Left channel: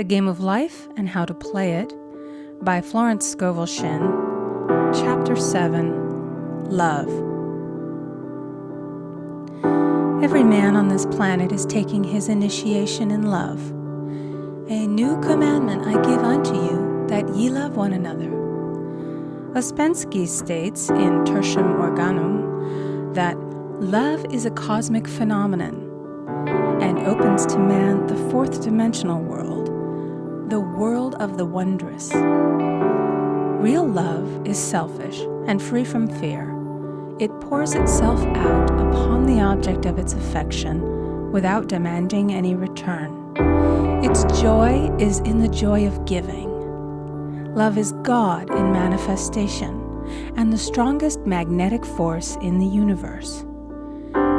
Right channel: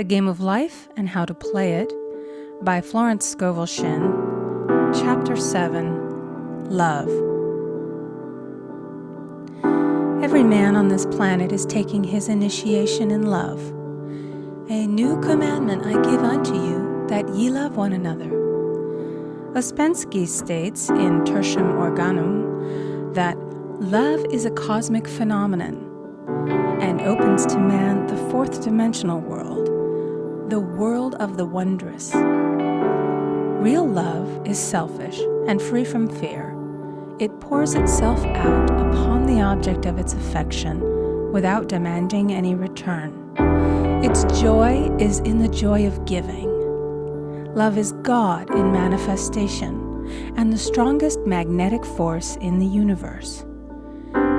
The Game of Life and How to Play It by Florence Scovel Shinn. Chapter 7, Love. Every man on this planet is taking his initiation in love. A new commandment I give unto you, that ye love one another. Ouspensky states in Tertium Organum that love is a cosmic phenomenon and opens to man the fourth dimensional world, the world of the wondrous. Real love is selfish and free from fear. It pours itself out upon the object of its affection without demanding any return. Its joy is in the joy of giving. Love is God in manifestation and the strongest magnetic force in the universe.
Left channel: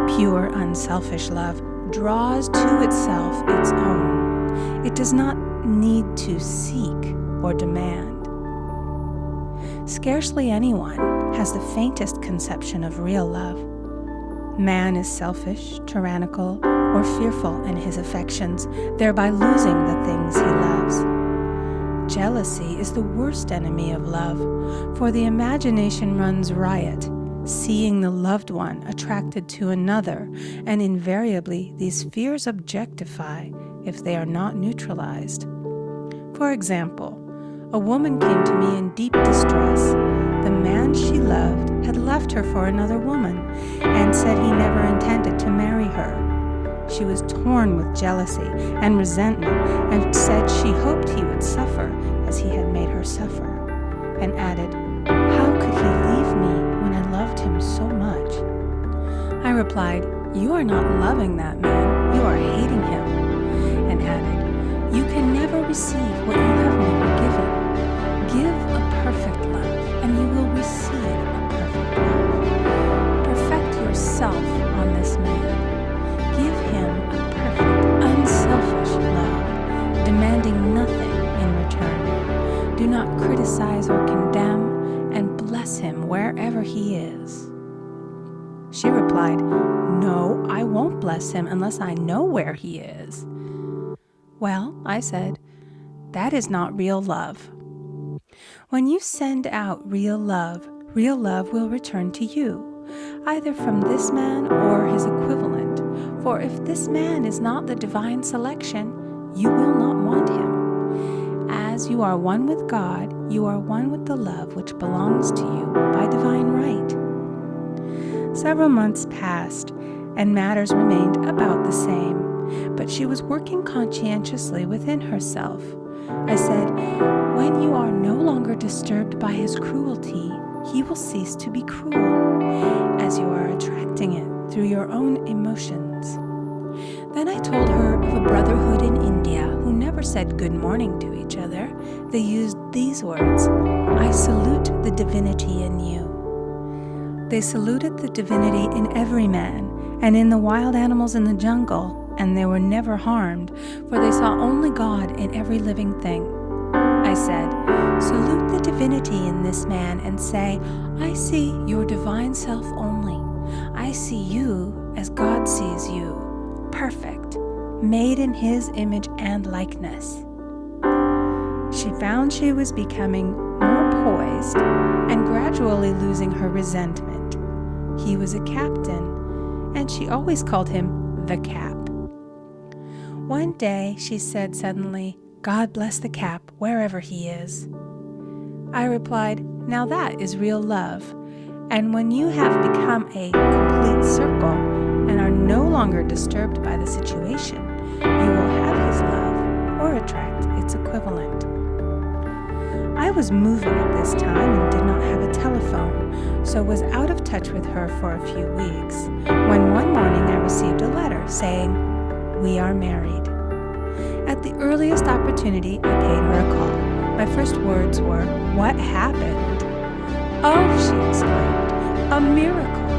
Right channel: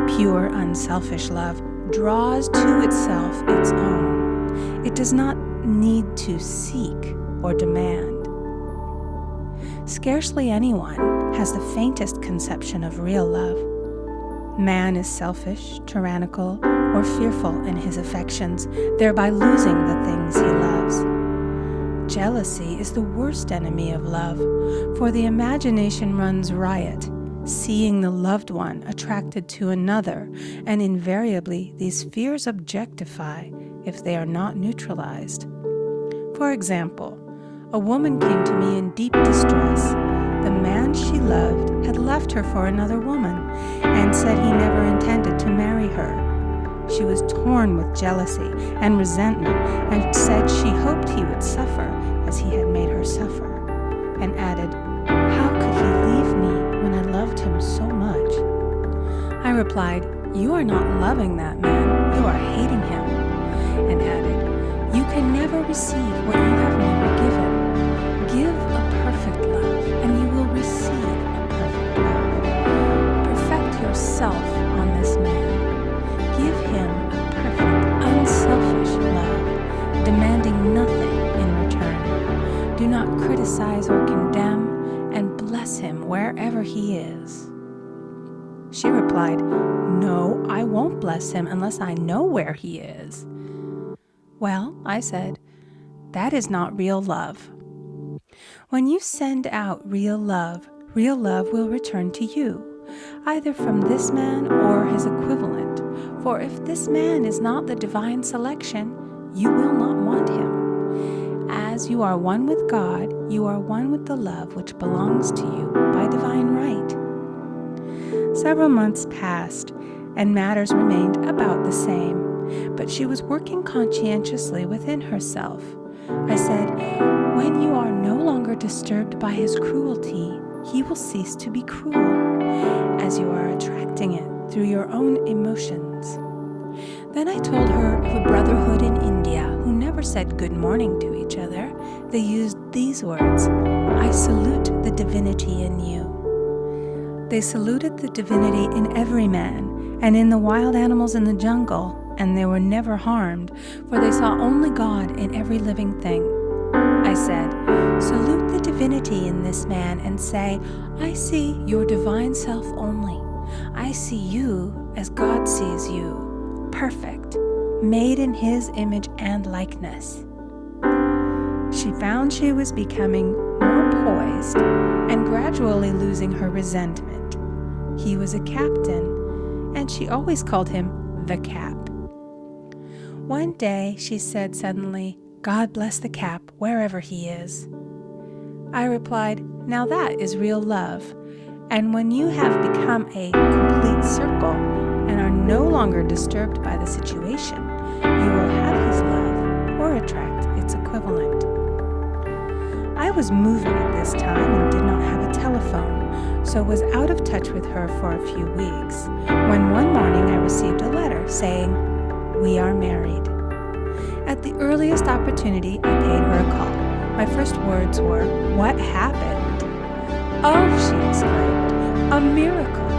Pure, unselfish love draws to itself its own. It does not need to seek or demand. Scarcely anyone has the faintest conception of real love. Man is selfish, tyrannical, or fearful in his affections, thereby losing the things he loves. Jealousy is the worst enemy of love, for the imagination runs riot, seeing the loved one attracted to another, and invariably these fears objectify if they are not neutralized. For example, a woman came to me in deep distress. The man she loved had left her for another woman and said he never intended to marry her. She was torn with jealousy and resentment and said she hoped he would suffer as he had made her suffer, and added, "How could he leave me when I loved him so much?" I replied, "You are not loving that man, you are hating him," and added, "You can never receive what you have never given. Give a perfect love, and you will receive a perfect love. Perfect yourself on this man. Give him a perfect, unselfish love, demanding nothing in return. Do not criticize or condemn, and bless him wherever he is." She replied, "No, I won't bless him unless I know where he is." "Well," I said, "that is not real love. When you send out real love will return to you, either from this man or his equivalent. For if this man is not the divine selection, you will not want him. As you are one with God, you are one with the love which belongs to you by divine right." Several months passed, and matters remained about the same, but she was working conscientiously within herself. I said, "When you are no longer disturbed by his cruelty, he will cease to be cruel, as you are attracting it through your own emotions." Then I told her of a brotherhood in India who never said good morning to each other. They used these words, "I salute the divinity in you." They saluted the divinity in every man and in the wild animals in the jungle, and they were never harmed, for they saw only God in every living thing. I said, "Salute the divinity in this man and say, I see your divine self only. I see you as God sees you, perfect, made in his image and likeness." She found she was becoming more poised and gradually losing her resentment. He was a captain, and she always called him the Cap. One day she said suddenly, "God bless the Cap wherever he is." I replied, "Now that is real love, and when you have become a complete circle and are no longer disturbed by the situation, you will have his love or attract its equivalent." I was moving at this time and did not have a telephone, so was out of touch with her for a few weeks, when one morning I received a letter saying, "We are married." At the earliest opportunity, I paid her a call. My first words were, "What happened?" "Oh," she exclaimed, "a miracle.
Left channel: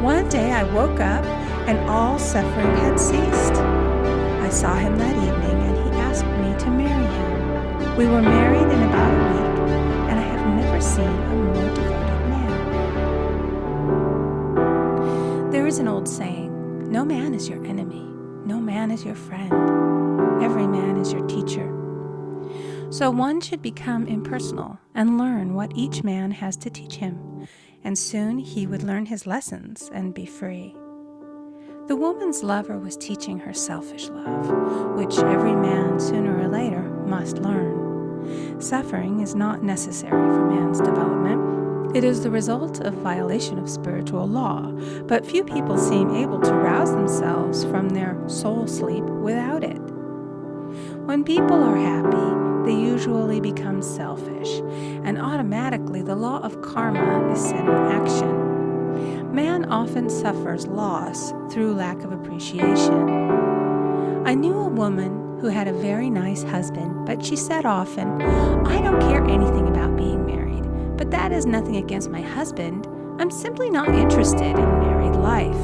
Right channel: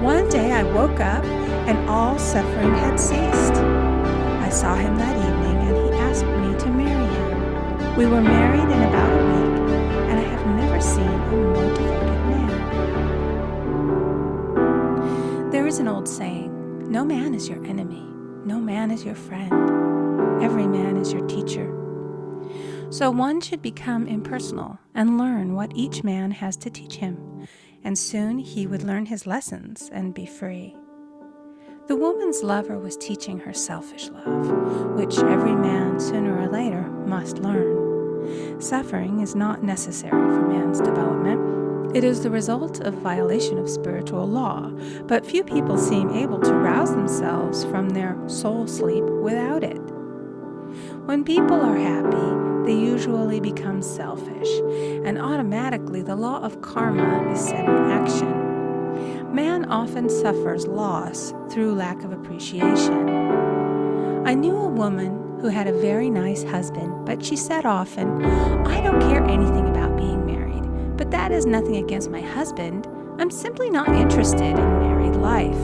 One day I woke up and all suffering had ceased. I saw him that evening and he asked me to marry him. We were married in about a week, and I have never seen a more devoted man." There is an old saying, "No man is your enemy. No man is your friend. Every man is your teacher." So one should become impersonal and learn what each man has to teach him, and soon he would learn his lessons and be free. The woman's lover was teaching her selfish love, which every man sooner or later must learn. Suffering is not necessary for man's development. It is the result of violation of spiritual law, but few people seem able to rouse themselves from their soul sleep without it. When people are happy, they usually become selfish, and automatically the law of karma is set in action. Man often suffers loss through lack of appreciation. I knew a woman who had a very nice husband, but she said often, "I don't care anything about being married, but that is nothing against my husband. I'm simply not interested in married life."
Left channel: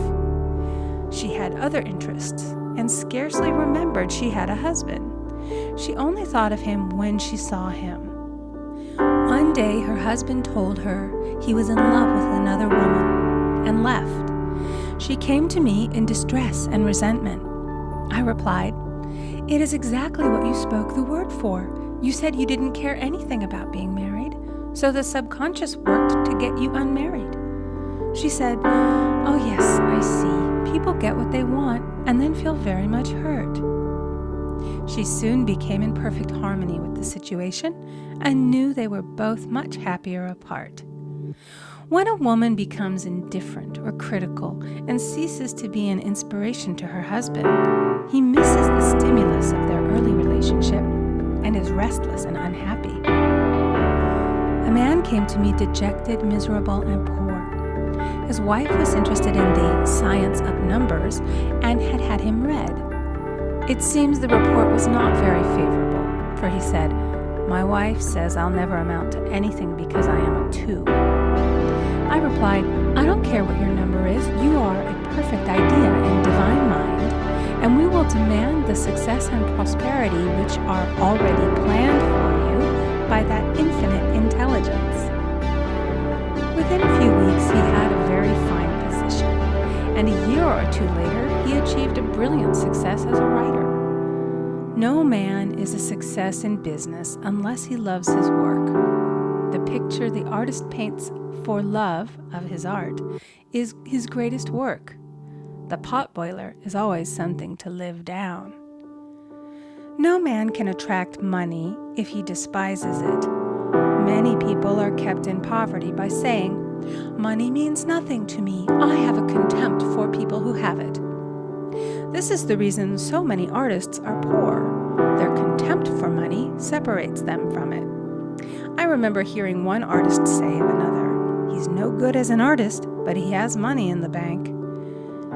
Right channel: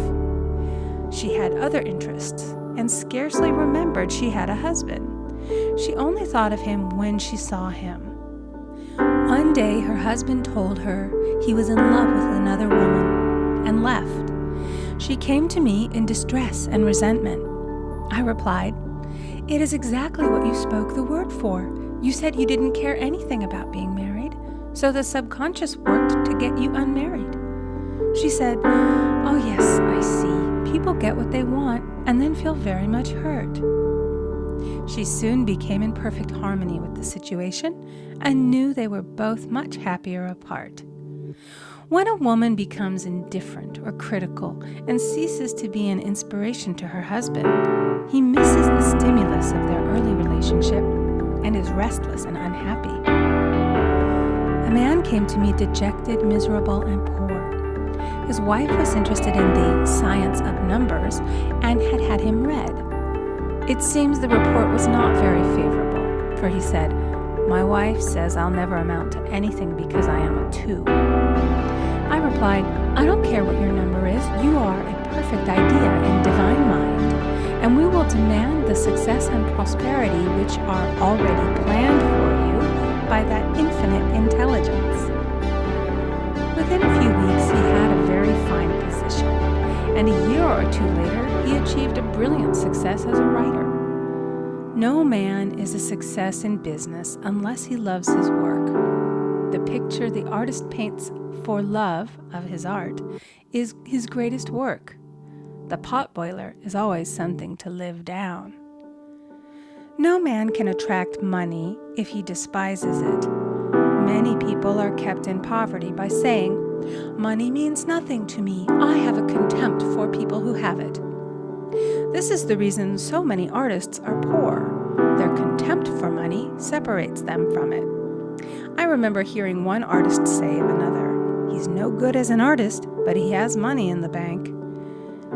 She had other interests and scarcely remembered she had a husband. She only thought of him when she saw him. One day her husband told her he was in love with another woman and left. She came to me in distress and resentment. I replied, "It is exactly what you spoke the word for. You said you didn't care anything about being married, so the subconscious worked to get you unmarried." She said, "Oh yes, I see. People get what they want and then feel very much hurt." She soon became in perfect harmony with the situation and knew they were both much happier apart. When a woman becomes indifferent or critical and ceases to be an inspiration to her husband, he misses the stimulus of their early relationship and is restless and unhappy. A man came to me dejected, miserable, and poor. His wife was interested in the science of numbers and had had him read. It seems the report was not very favorable, for he said, "My wife says I'll never amount to anything because I am a 2. I replied, "I don't care what your number is. You are a perfect idea in divine mind, and we will demand the success and prosperity which are already planned for you by that infinite intelligence." Within a few weeks, he had a very fine position, and a year or two later, he achieved a brilliant success as a writer. No man is a success in business unless he loves his work. The picture the artist paints for love of his art is his greatest work. The potboiler is always something to live down. No man can attract money if he despises it. Many people are kept in poverty by saying, "Money means nothing to me. I have a contempt for people who have it." This is the reason so many artists are poor. Their contempt for money separates them from it. I remember hearing one artist say of another, "He's no good as an artist, but he has money in the bank."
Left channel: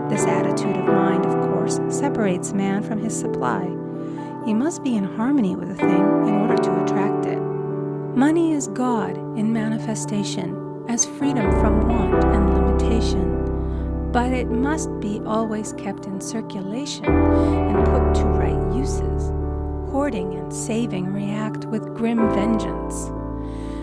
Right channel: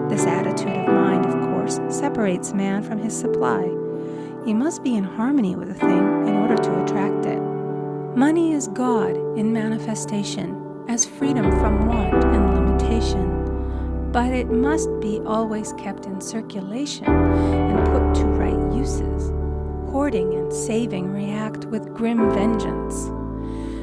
This attitude of mind, of course, separates man from his supply. He must be in harmony with a thing in order to attract it. Money is God in manifestation, as freedom from want and limitation. But it must be always kept in circulation and put to right uses. Hoarding and saving react with grim vengeance.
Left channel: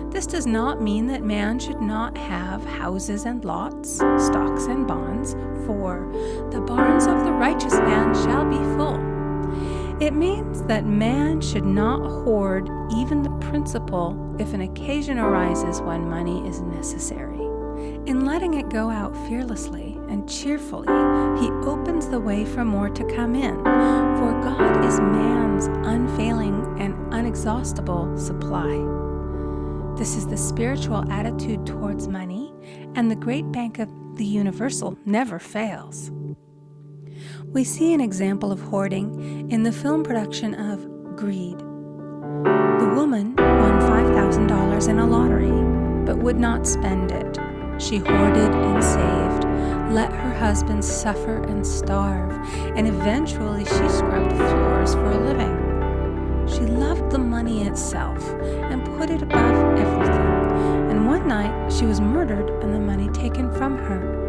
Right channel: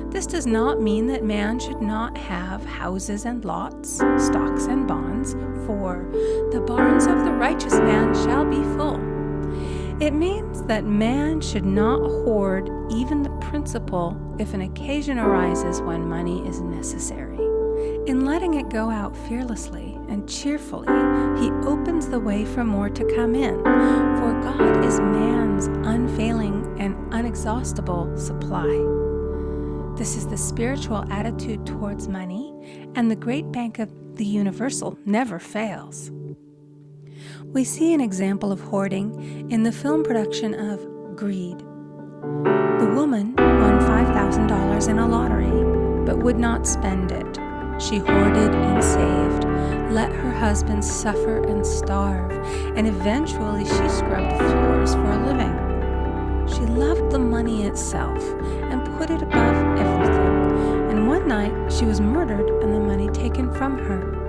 This does not mean that man should not have houses and lots, stocks and bonds, for the barns of the righteous man shall be full. It means that man should not hoard even the principal if an occasion arises when money is necessary. In letting it go out fearlessly and cheerfully, he opens the way for more to come in, for God is man's unfailing and unexhaustible supply. This is the spiritual attitude towards money, and the great bank of the universal never fails. We see an example of hoarding in the film production of Greed. The woman won $5,000 in a lottery, but would not spend it. She hoarded and saved, let her husband suffer and starve, and eventually she scrubbed floors for a living. She loved the money itself and put it above everything, and one night she was murdered and the money taken from her.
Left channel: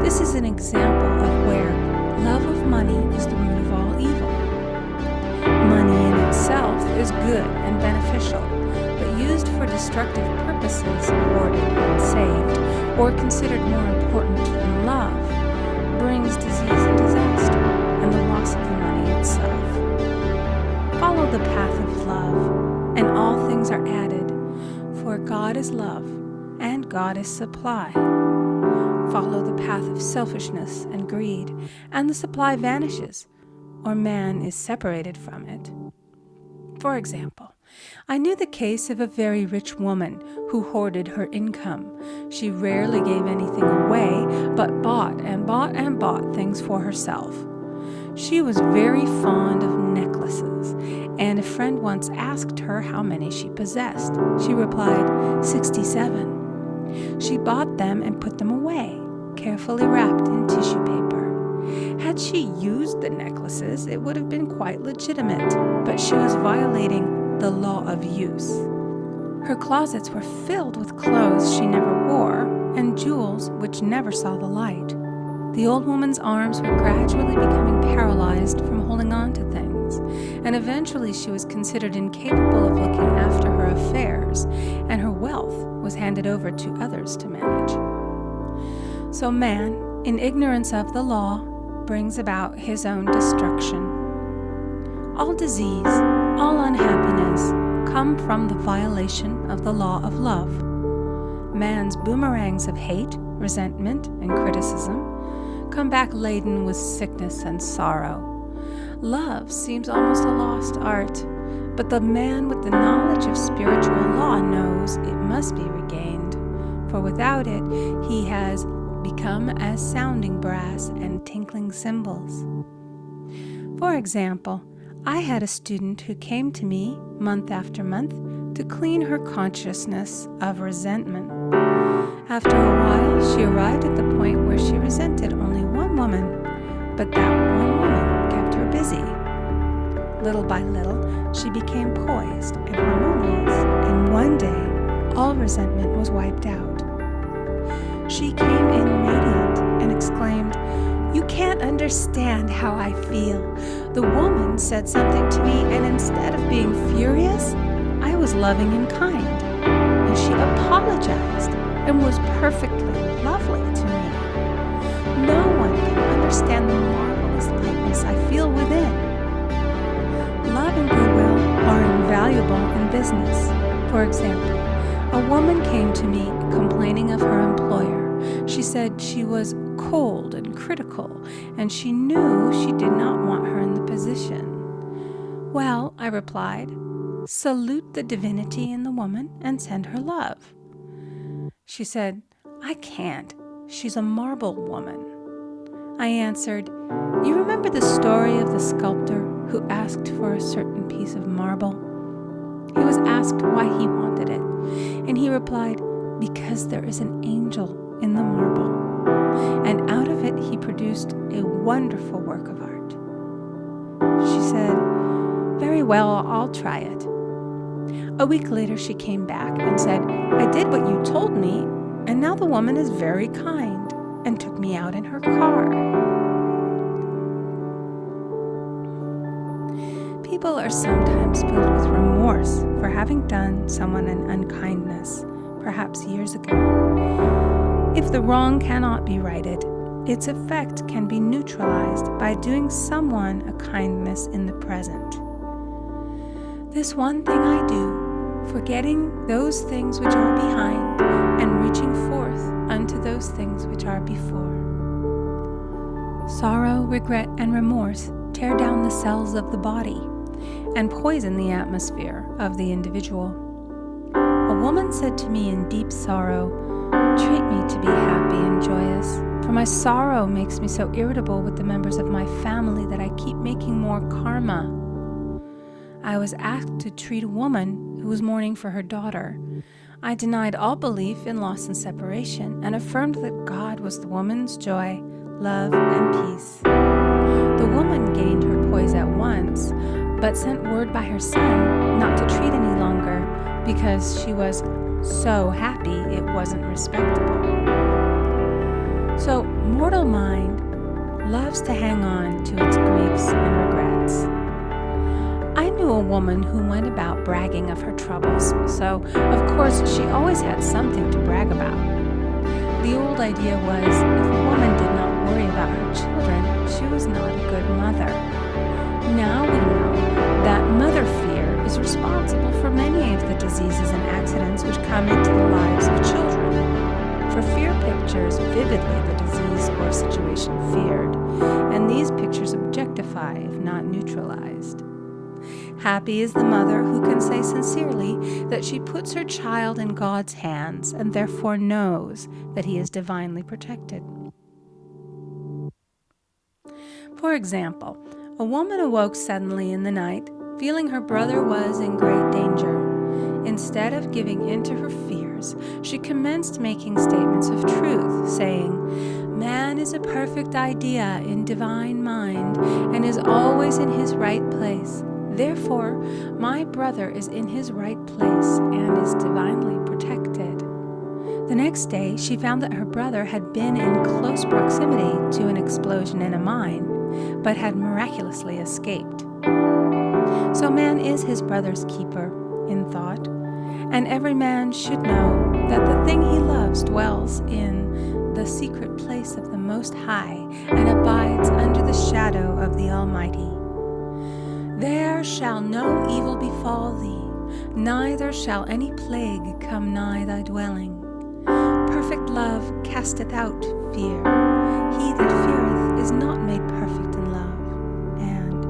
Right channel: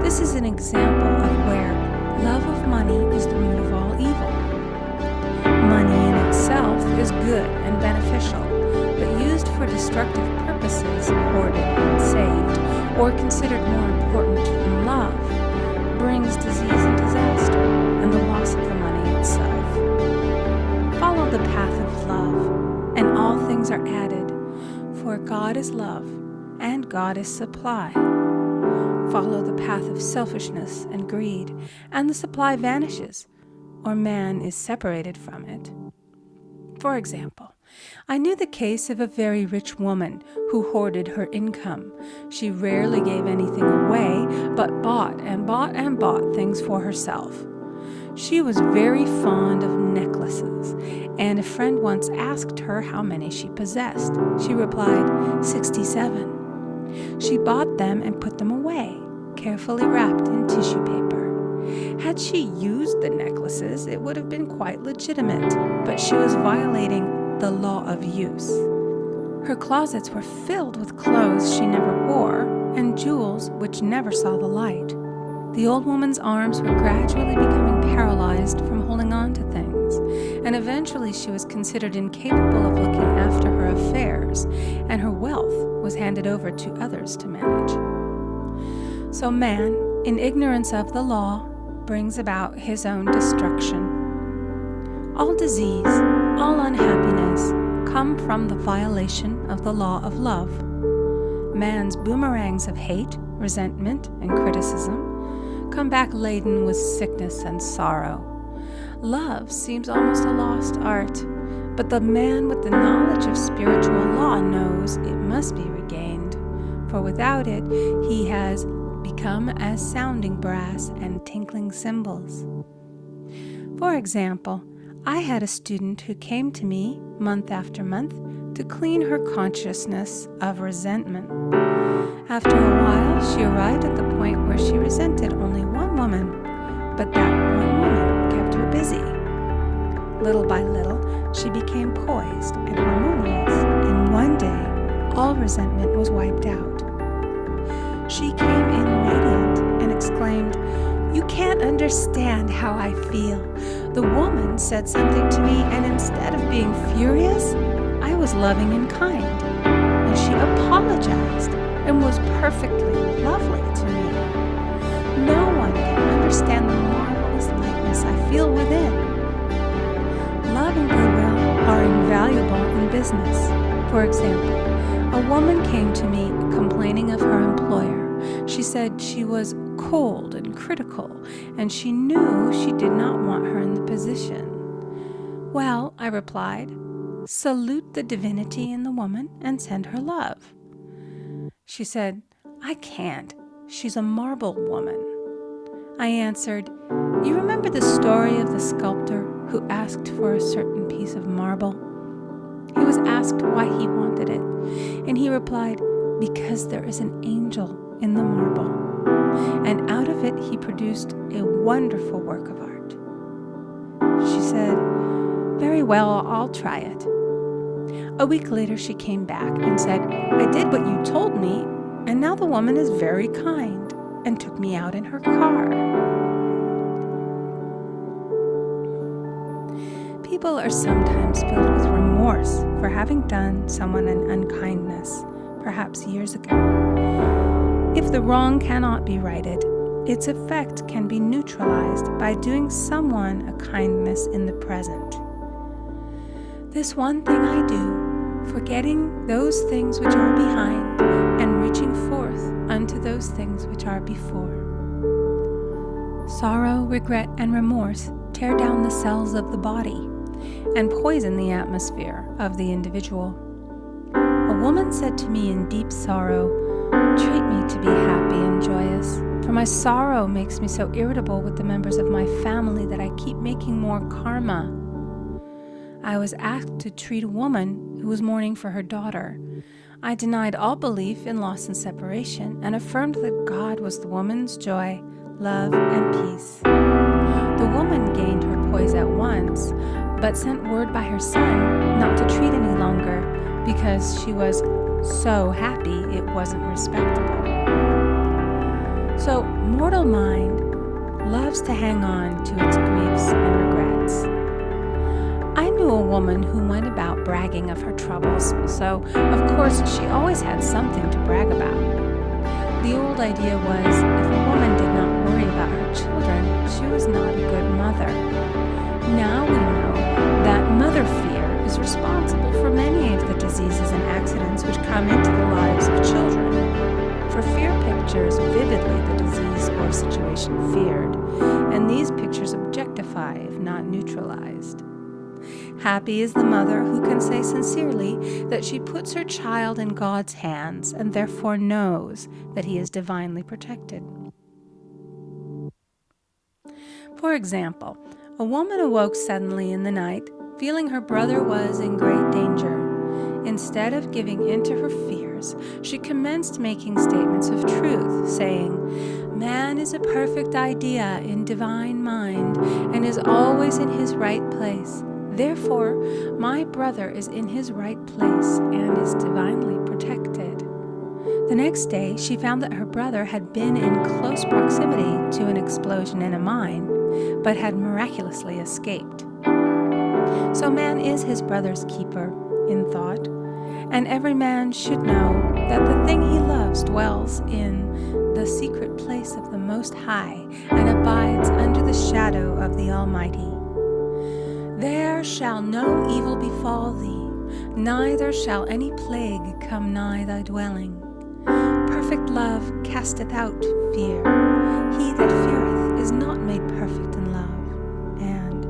This is an example of where love of money is the root of all evil. Money in itself is good and beneficial, but used for destructive purposes, hoarded and saved, or considered more important than love, brings disease and disaster and the loss of the money itself. Follow the path of love. and all things are added. For God is love, and God is supply. Follow the path of selfishness and greed, and the supply vanishes, or man is separated from it. For example, I knew the case of a very rich woman who hoarded her income. She rarely gave anything away, but bought and bought and bought things for herself. She was very fond of necklaces, and a friend once asked her how many she possessed. She replied, 67. She bought them and put them away, carefully wrapped in tissue paper. Had she used the necklaces, it would have been quite legitimate, but she was violating the law of use. Her closets were filled with clothes she never wore and jewels which never saw the light. The old woman's arms were gradually becoming paralyzed from holding on to things, and eventually she was considered incapable of looking after her affairs, and her wealth was handed over to others to manage. So man, in ignorance of the law, brings about his own destruction. All disease, all unhappiness come from the violation of the law of love. Man's boomerangs of hate, resentment, and criticism come back laden with sickness and sorrow. Love seems almost a lost art, but the man with the knowledge of spiritual law knows it must be regained, for without it he has become as sounding brass and tinkling cymbals. For example, I had a student who came to me month after month to clean her consciousness of resentment. After a while, she arrived at the point where she resented only one woman, but that one woman kept her busy. Little by little, she became poised and harmonious, and one day, all resentment was wiped out. She came in radiant and exclaimed, "You can't understand how I feel. The woman said something to me, and instead of being furious, I was loving and kind. And she apologized and was perfectly lovely to me. No one can understand the marvelous lightness I feel within." Love and goodwill are invaluable in business. For example, a woman came to me complaining of her employer. She said she was cold and critical, and she knew she did not want her in the position. "Well," I replied, "salute the divinity in the woman and send her love." She said, "I can't. She's a marble woman." I answered, "You remember the story of the sculptor who asked for a certain piece of marble? He was asked why he wanted it, and he replied, 'Because there is an angel in the marble.' And out of it he produced a wonderful work of art." She said, "Very well, I'll try it." A week later she came back and said, "I did what you told me, and now the woman is very kind," and took me out in her car. People are sometimes filled with remorse for having done someone an unkindness, perhaps years ago. If the wrong cannot be righted, its effect can be neutralized by doing someone a kindness in the present. This one thing I do, forgetting those things which are behind, and reaching forth unto those things which are before. Sorrow, regret, and remorse tear down the cells of the body and poison the atmosphere of the individual. A woman said to me in deep sorrow, "Treat me to be happy and joyous, for my sorrow makes me so irritable with the members of my family that I keep making more karma." I was asked to treat a woman who was mourning for her daughter. I denied all belief in loss and separation and affirmed that God was the woman's joy, love, and peace. The woman gained her poise at once, but sent word by her son not to treat any longer because she was so happy it wasn't respectable. So, mortal mind loves to hang on to its griefs and regrets. I knew a woman who went about bragging of her troubles, so of course she always had something to brag about. The old idea was if a woman did not worry about her children, she was not a good mother. Now we know that mother fear is responsible for many of the diseases and accidents which come into the lives of children. For fear pictures vividly the disease or situation feared, and these pictures objectify if not neutralized. Happy is the mother who can say sincerely that she puts her child in God's hands and therefore knows that he is divinely protected. For example, a woman awoke suddenly in the night, feeling her brother was in great danger. Instead of giving in to her fears, she commenced making statements of truth, saying, "Man is a perfect idea in divine mind and is always in his right place. Therefore, my brother is in his right place and is divinely protected." The next day, she found that her brother had been in close proximity to an explosion in a mine, but had miraculously escaped. So man is his brother's keeper in thought, and every man should know that the thing he loves dwells in the secret place of the Most High and abides under the shadow of the Almighty. There shall no evil befall thee, neither shall any plague come nigh thy dwelling. Perfect love casteth out fear. He that feareth is not made perfect in love. And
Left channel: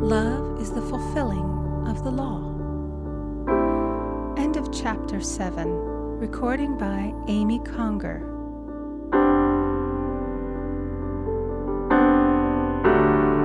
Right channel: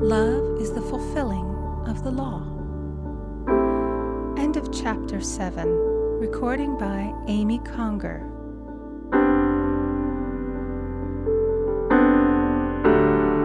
love is the fulfilling of the law. End of chapter 7. Recording by Amy Conger.